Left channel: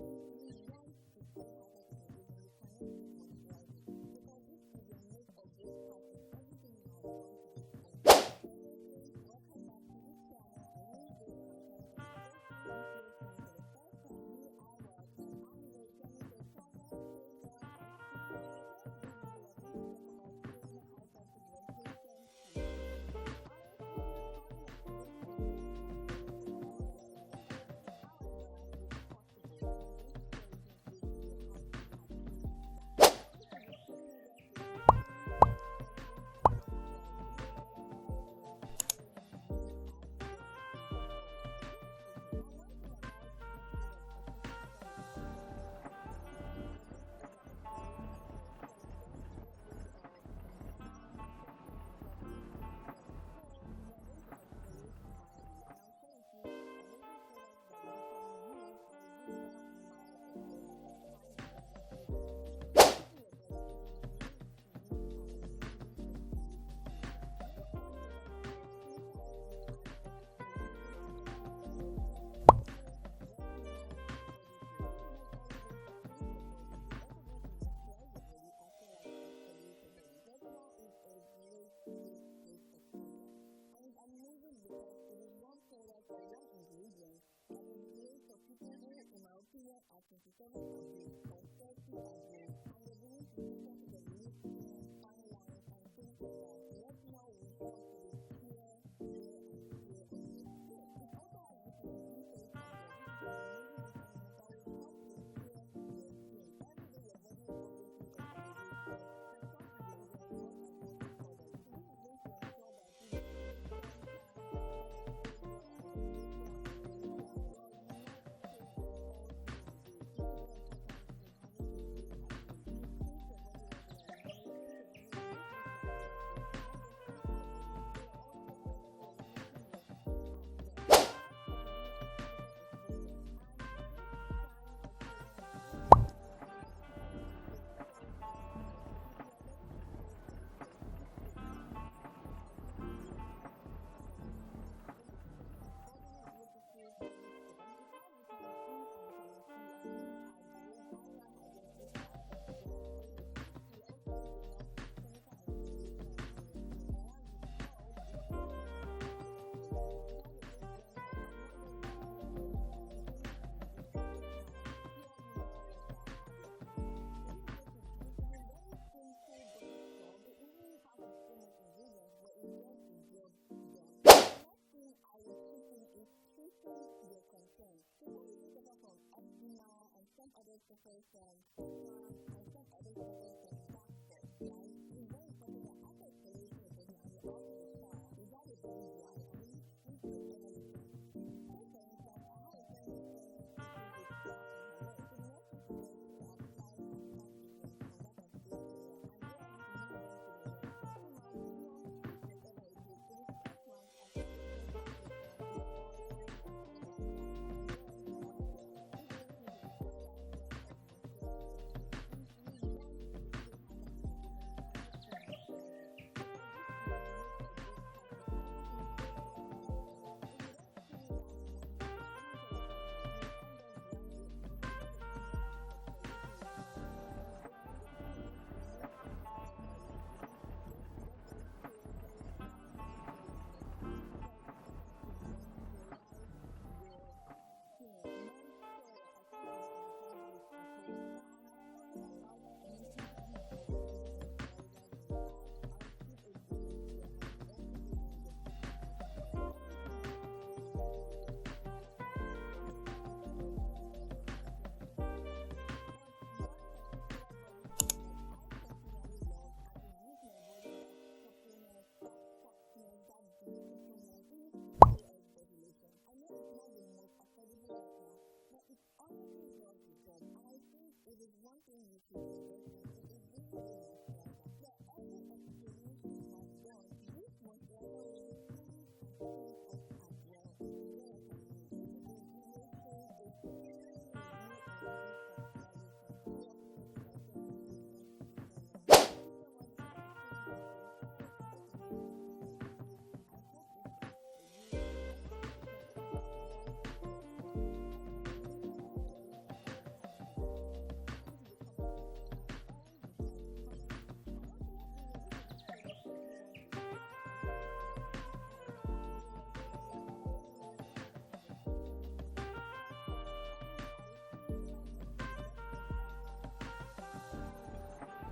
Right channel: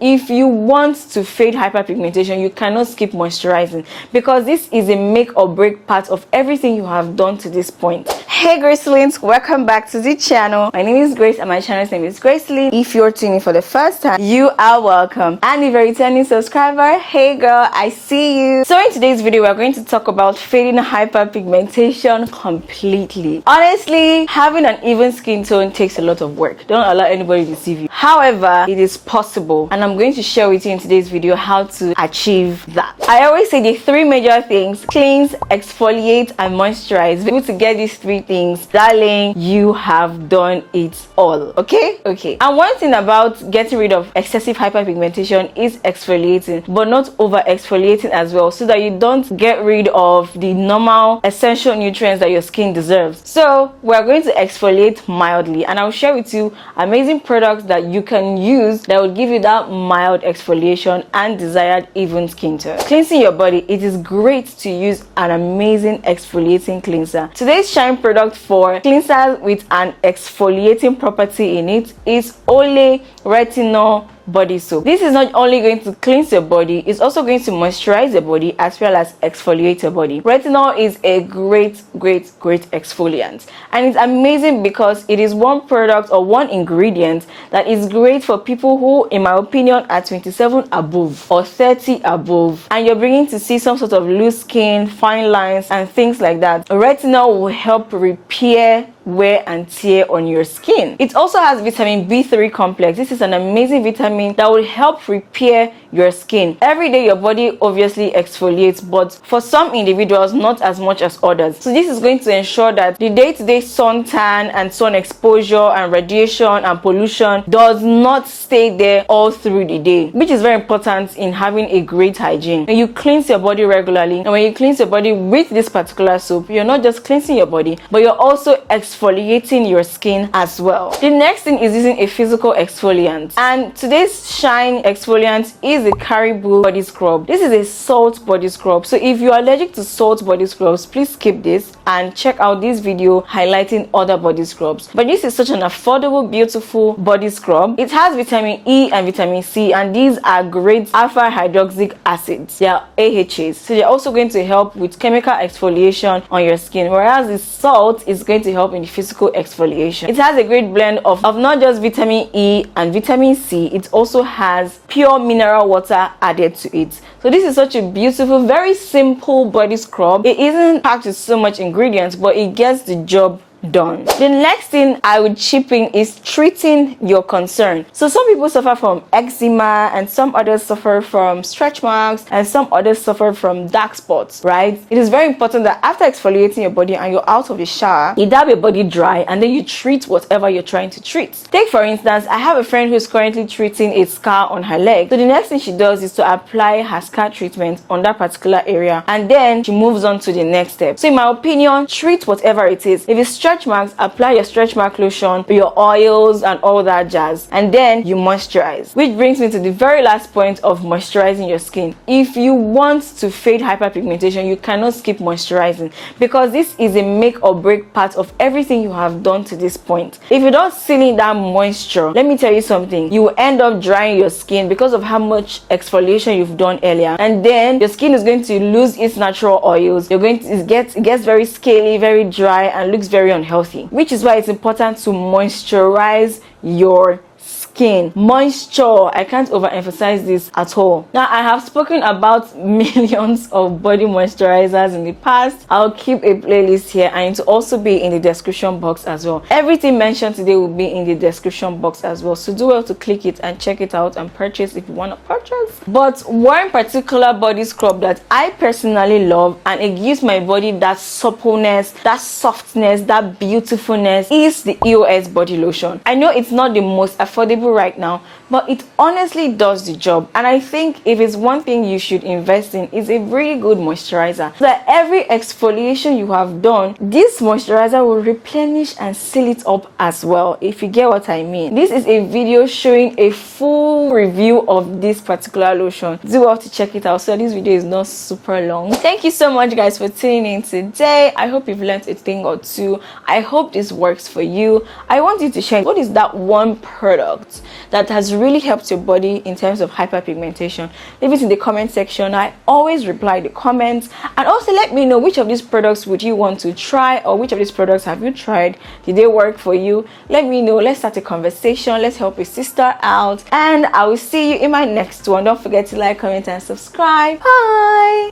If you want to fade hyperpigmentation, you cannot skip moisturizing because this is a make or break part of everything you have done to this point. Hey Gracelings, welcome back to the channel. My name is Grace and my channel's name is Gracelyn. If you're tuning for the first time, you are welcome. And if you're a returning subscriber, hey girl, I see you. So in today's video, we're going to talk about fading hyperpigmentation completely. Honestly, having an even skin tone takes a lot of work. Don't allow anybody to deceive you. However, it is possible, and I'm going to share with you in today's video how to achieve that. I always say the three major things: cleanse, exfoliate, and moisturize. Able to get these three things, darling, you have done it all. Okay. And one thing about getting rid of excessive hyperpigmentation is exfoliating, but not over exfoliating as well, so that you don't get rid of the normal essential nutrients that your skin deserves. So we're going to exfoliate mildly, and I'll share with you amazing products that you can use that will give you that mild exfoliation and desired even skin tone. Cleansing your body, it is great to use an amazing exfoliating cleanser. Today's shine product for cleansers with an exfoliating property in it is Ole Retinol body soap. This is not only going to cleanse your body, it's also going to moisturize your body as well as exfoliate your body. Retinol is a great exfoliant, and it's amazing because it is one product or one ingredient that is great for people who, in my opinion, are 27 above or 30 above, and you're beginning to see some sort of loose skin, fine lines, and things like that. Retinol will help repair wear and tear on your skin. It also has vitamin B3 complex. This is an amazing vitamin that will help repair your skin. Every day your body obviously exfoliates, but for some individuals not as much as others. So this is going to ensure that the day-to-day suntan and sun exposure and radiation and pollution does not stay there all through the day, which is very important in having a great hygiene. When you cleanse your body regularly, and when you cleanse your body with this particular soap, you're not just cleansing your body, but you're also exfoliating your skin as well. The next thing is using a physical exfoliant, and today's shine exfoliant is a Caribou body scrub. This is a salt body scrub, so if you're allergic to salt body scrubs, please skip this and check out this video highlighting other body scrubs. But this is such an affordable, beautiful body scrub. It has vitamin E and vitamin C, and these are great alpha hydroxy acids. They are AHAs, so they're also going to help with chemical exfoliation on your skin, whereas the salt is going to help in the physical exfoliation. It has a great blend of not just vitamin E and vitamin C, it also has pure mineral water added to it. So this is such a beautiful, very simple body scrub. It isn't packed with so much ingredients, but it gets the job done. The next thing I would chip in is treating your concern. So some people suffer from eczema, and some others suffer from stretch marks, and some others suffer from dark spots, right? It is very important that after exfoliating your body and you're out of the shower, you dab your body dry and then you treat whatever you're trying to treat. Take for instance, I have a friend who's currently treating a scar on her leg. So the next thing she does is to apply her scar treatment on that particular area, and then she moves on to the next step. So in my opinion, treat whatever it is. If it's stretch marks, apply your stretch mark lotion, your oils and all that jazz, and then you moisturize. Which brings me to the very last point of moisturizing your skin. If you want to fade hyperpigmentation, you cannot skip moisturizing because this is a make or break part of everything you have done to this point. If you don't seal in that moisture, let me tell you something, you will end up drying your skin because of how much exfoliation you've done earlier, and then your skin is going to lose its natural oils. You're going to it gets very scaly, very dry, and looks very unhealthy, which is why it's important to moisturize your skin. Moisture, I can't overemphasize this at all. Now, I have spoken about millions of body moisturizers in the past. I'll keep a playlist here, and it will also be in the description box as well. Everything mentioned today will be in the description box as well, so do well to click it and check it out and purchase if you want to purchase. But one particular body scrub that I personally love, and it gives my body that suppleness, that softness, that beautifulness, is the EOS body lotion. I know it's not the most affordable right now, but it honestly does the job. And I think if it's one thing you should invest in, is a really good moisturizer, so that every exfoliation you have done, this moisturizer will replenish and seal it up as well, if you get what I mean. This is a video showing a full review of this particular lotion. Do well to check it out, so this video is not super long. Thank you so much guys for tuning in today. I hope you've learned a thing or two. I hope this works for you. I want you to share, what is that one product that has really helped your body in terms of hyperpigmentation? Leave it in the comment section. I always reply the comments. And also let me know which of these products would you want to try, or which of these products have you tried? Did they work for you? Let me know. Let's start a conversation. Let's help a sister out. And I will see you in my next one. Don't forget to like, comment, and subscribe. Bye.